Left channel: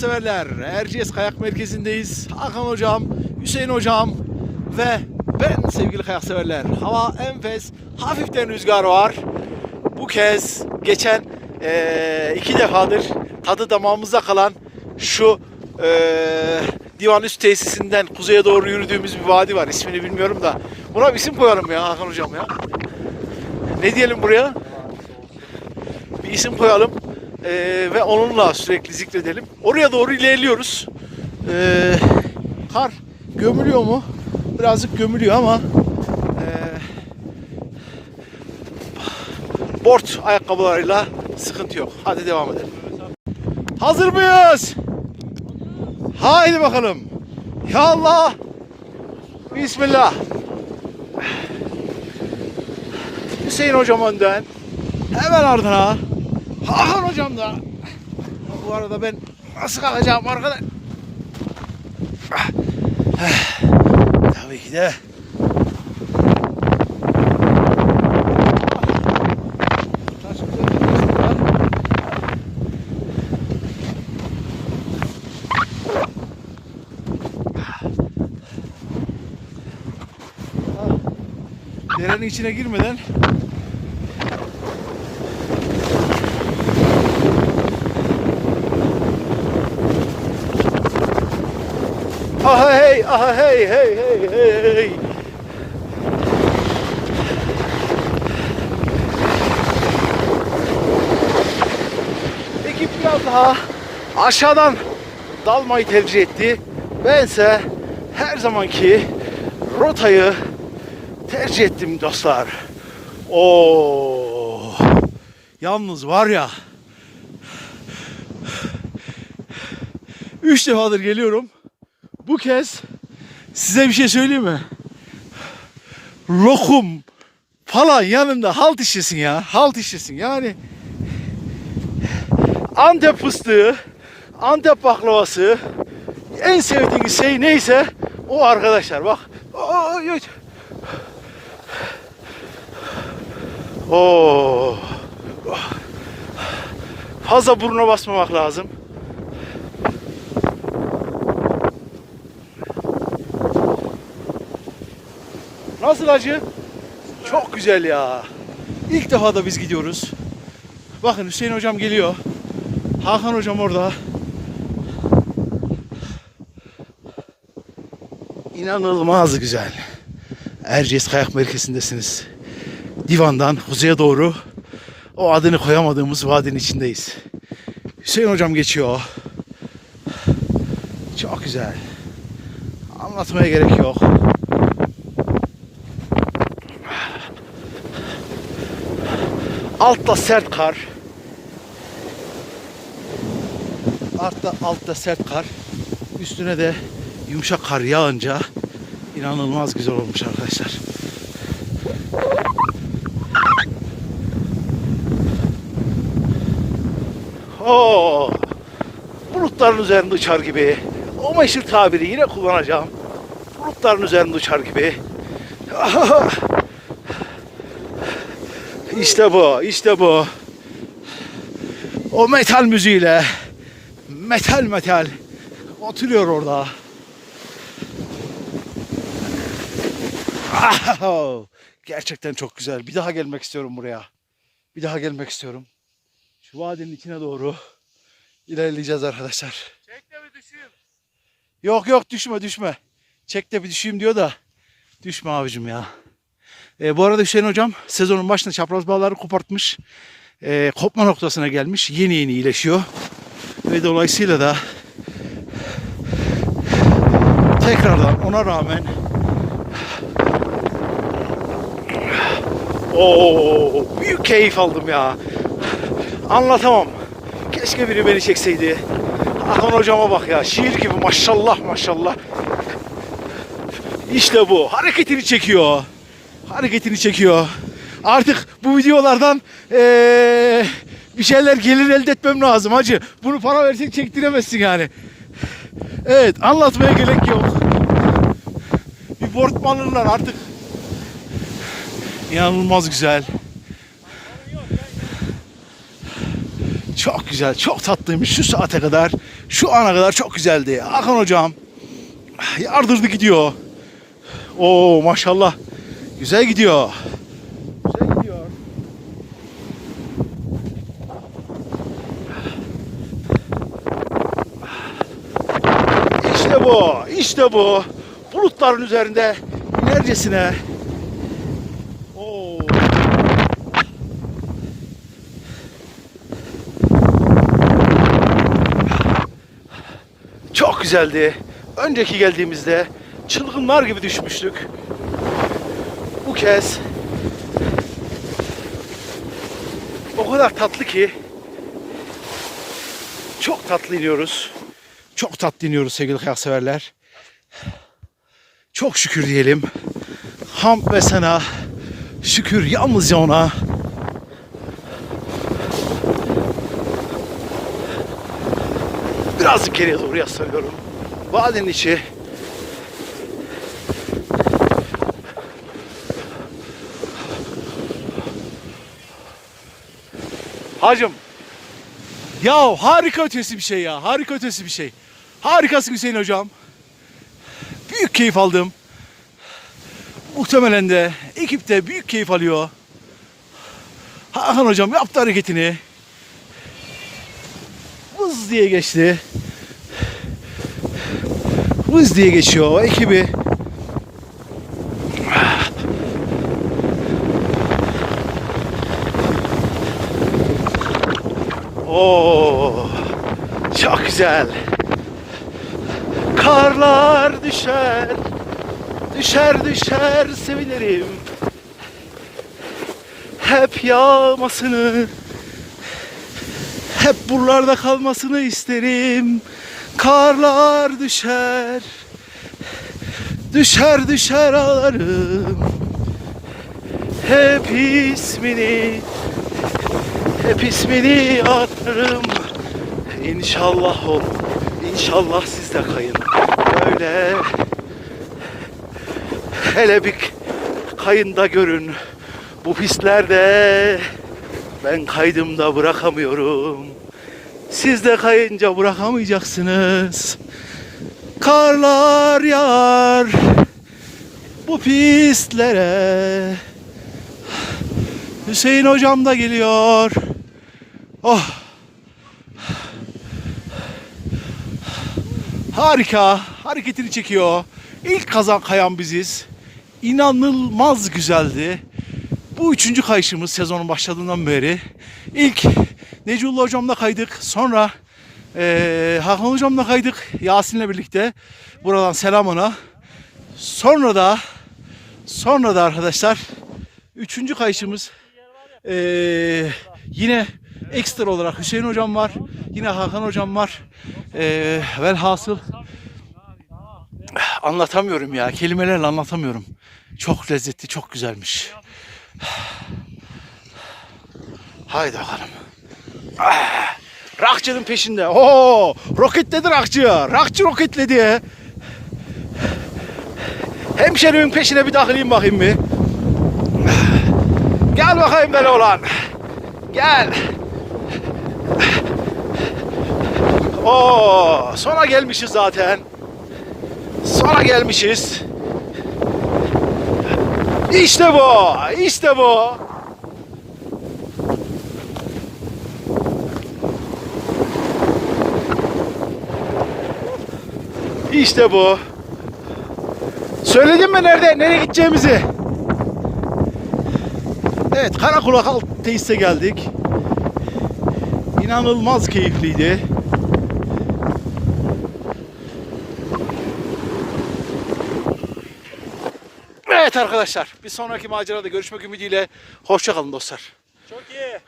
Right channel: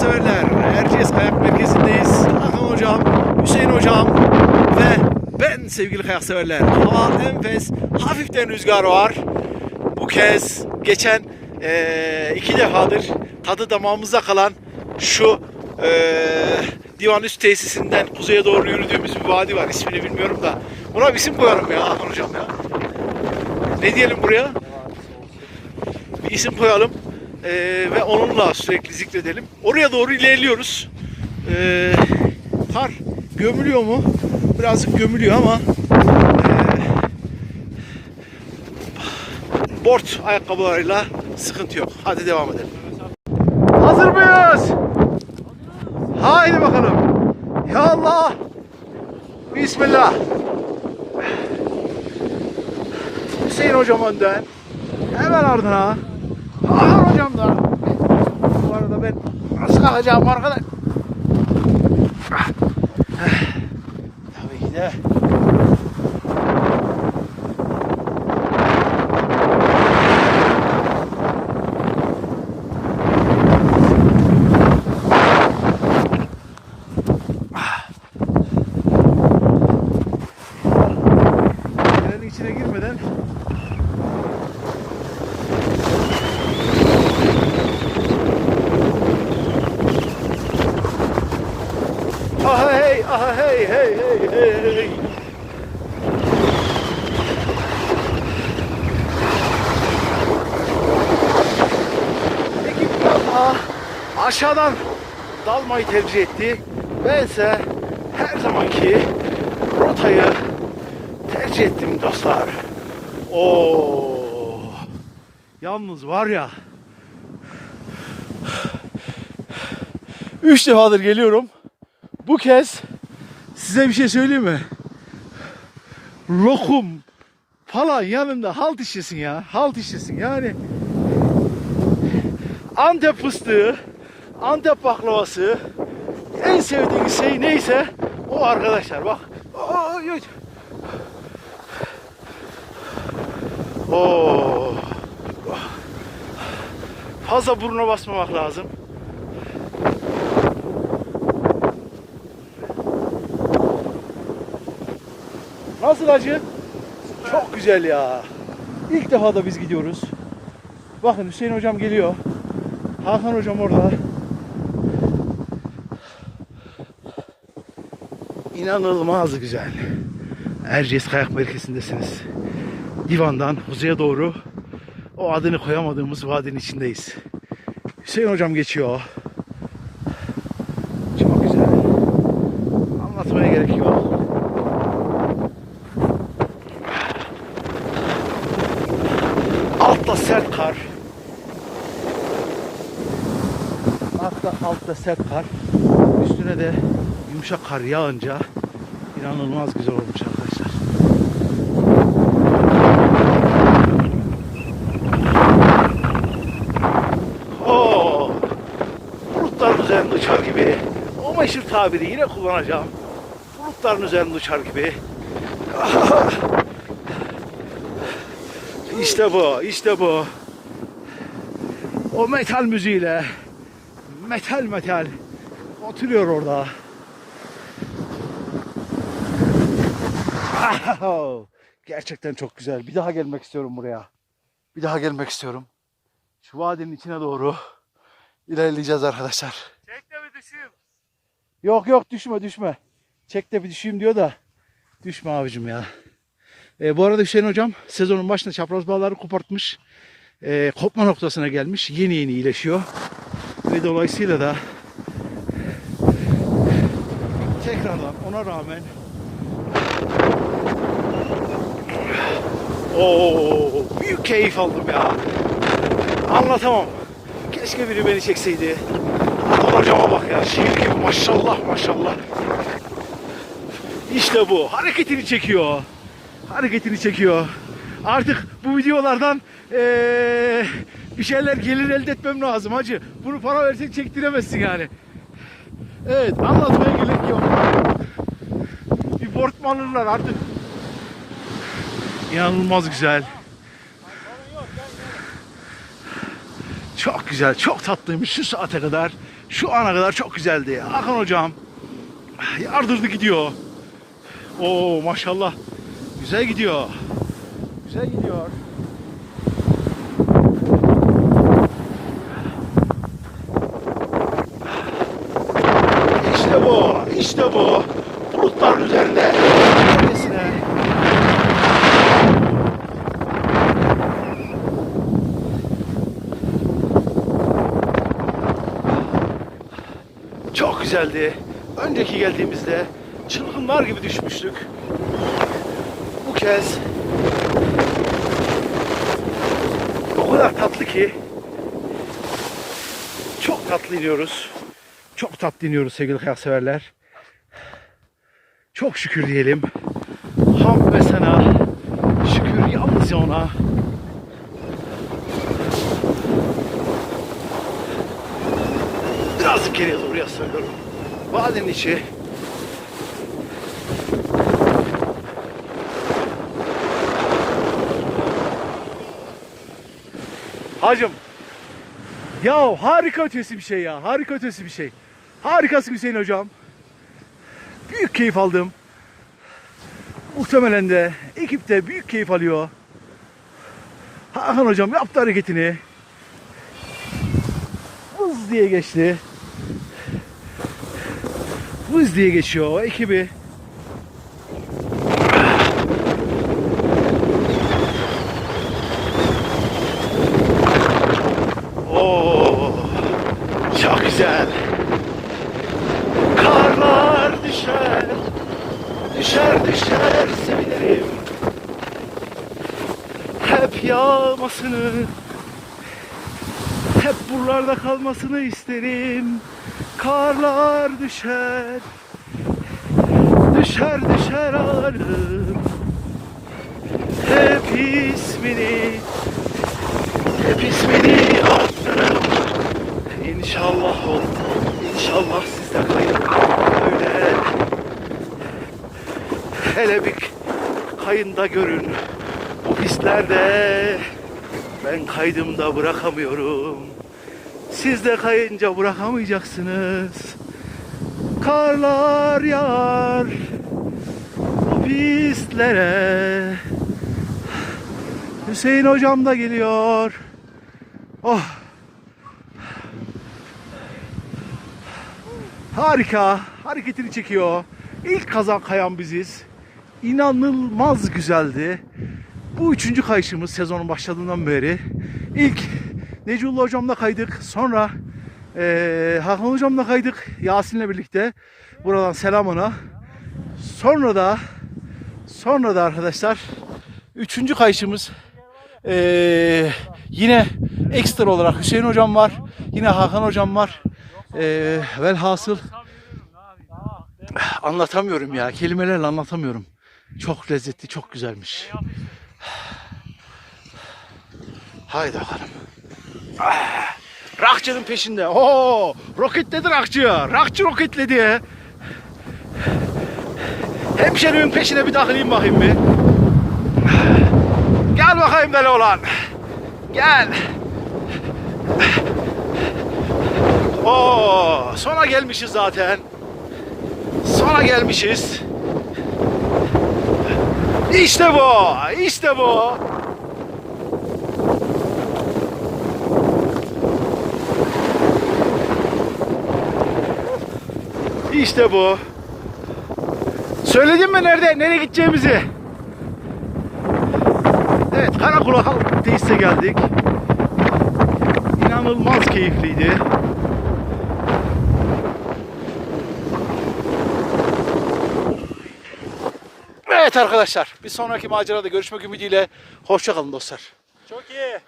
severler. Erciyes Kayak Merkezi'ndeyiz. Hakan Hocam, Hüseyin Hocam ve ben sevgili kayak severler. Hava enfes, hafiften rüzgar var. Bu kez geçen eee, iki defadır tadı damağımızda kalan şu eee divan üst tesisinden kuzeye doğru yürüdüğümüz bir vadi var. İsmini bilmiyorum da. Buna bir isim koyalım ya Hakan Hocam ya. Ne diyelim buraya? Bir isim koyalım. Ee, ve onunla sürekli zikredelim. Oraya doğru ilerliyoruz. Ee, kar gömülüyor mu? Birazcık gömülüyor ama ee, board ayakkabılarıyla sıkıntı yok. Hadi devam edelim. Hazır mıyız? Haydi bakalım. Ya Allah. Bismillah. Hüseyin hocam önden. Hemen ardına. Hakan da. Bu arada ben nasıl kalacağım arkadaş? Tabii ki de. İçine girmeden Aha hey, hey, hey, hey, daha aşağıdan dalmayı tercih etti. Bense her zamanki rotayı tercih ettim dostlar. Oo. Yalnız var ya Üç defadır geliyorum. Bu kez size bir şey söyleyeyim mi? Lokum falan yanında halt işlesin ya. Halt işlesin yani. Antep fıstığı, Antep baklavası, en sevdiğiniz şey neyse o arkadaşlar bak. Oo. Fazla burnuna basmamak lazım. Nasıl acı? Çok güzel ya. İlk defa da biz gidiyoruz. Bakın Hüseyin hocam geliyor. Hakan hocam orada. İnanılmaz güzel. Erciyes Kayak Merkezi'ndesiniz. Divan'dan kuzeye doğru o adını koyamadığımız vadinin içindeyiz. Hüseyin hocam geçiyor. Çok güzel. Anlatmaya gerek yok. Altta sert kar. Altta, altta sert kar. Üstüne de yumuşak kar yağınca inanılmaz güzel olmuş arkadaşlar. Oo, bulutların üzerinde uçar gibi. O meşhur tabiri yine kullanacağım. Bulutların üzerinde uçar gibi. İşte bu, işte bu. O metal müziğiyle metal metal oturuyor orada. Gerçekten çok güzel. Bir daha gelmek istiyorum buraya. Bir daha gelmek istiyorum. Şu vadinin içine doğru ilerleyeceğiz arkadaşlar. Çek de bir düşeyim. Yok yok düşme düşme. Çek de bir düşeyim diyor da. Düşme abicim ya. E, bu arada Hüseyin hocam sezonun başında çapraz bağları kopartmış. E, kopma noktasına gelmiş. Yeni yeni iyileşiyor. Ve dolayısıyla da tekrardan ona rağmen Oo, büyük keyif aldım ya. Anlatamam. Keşke biri beni çekseydi. Hakan hocama bak ya. Şiir gibi maşallah maşallah. İşte bu. Hareketini çekiyor. Hareketini çekiyor. Artık bu videolardan eee, bir şeyler gelir elde etmem lazım hacı. Bunu para versek çektiremezsin yani. Evet anlatmaya gerek yok. Bir alırlar artık. İnanılmaz güzel. Çok güzel, çok tatlıymış şu saate kadar. Şu ana kadar çok güzeldi. Hakan hocam yardırdı gidiyor. Oo maşallah. Güzel gidiyor. Güzel gidiyor. İşte bu, işte bu. Bulutların üzerinde neredesine Çok güzeldi. Önceki geldiğimizde çılgınlar gibi düşmüştük. Kez o kadar tatlı ki çok tatlı iniyoruz. Çok tatlı iniyoruz sevgili kayak severler. Çok şükür diyelim. Hamd ve sana şükür yalnızca ona. Birazcık geriye doğru yaslanıyorum. Vadinin içi. Hacım. Ya harika ötesi bir şey ya. Harika ötesi bir şey. Harikasın Hüseyin hocam. Büyük keyif aldım. Muhtemelen de ekip de büyük keyif alıyor. Hakan hocam yaptı hareketini. Vız diye geçti. Vız diye geçiyor ekibi. Oo, çok güzel. Karlar düşer, düşer düşer sevinirim. Hep yağmasını, hep buralarda kalmasını isterim. Karlar düşer, düşer düşer ağlarım. Hep ismini, hep ismini arttırırım. İnşallah ol, inşallah siz de kayın. Öyle. Hele bir kayında görün. Bu pistlerde ben kaydımda bırakamıyorum. Siz de kayınca bırakamayacaksınız. Karlar yağar bu pistlere. Hüseyin hocam da geliyor. Oh. Harika. Hareketini çekiyor. İlk kazan kayan biziz. İnanılmaz güzeldi. Bu üçüncü kayışımız sezonun başladığından beri. İlk Necullah hocamla kaydık. Sonra eee Hakan hocamla kaydık. Yasin'le birlikte. Buradan selam ona. Sonra da sonra da arkadaşlar üçüncü kayışımız eee, yine ekstra olarak Hüseyin hocam var. Yine Hakan hocam var. Eee velhasıl anlatamıyorum ya. Kelimelerle anlatamıyorum. Çok lezzetli, çok güzelmiş. Haydi bakalım. Rakçının peşinde. Oo, roketledi rakçı. Rakçı roketledi. Hemşerimin peşine bir takılayım bakayım bir. Gel bakayım böyle olan. Gel. Oo, sona gelmişiz zaten. Sona gelmişiz. İşte bu. İşte bu. İşte bu. Söyledim mi nerede, nereye gideceğimizi? Evet, Karakulak Tesis'e geldik. İnanılmaz keyifliydi. Evet arkadaşlar, bir sonraki macerada görüşmek ümidiyle. Hoşçakalın dostlar. Çok iyi.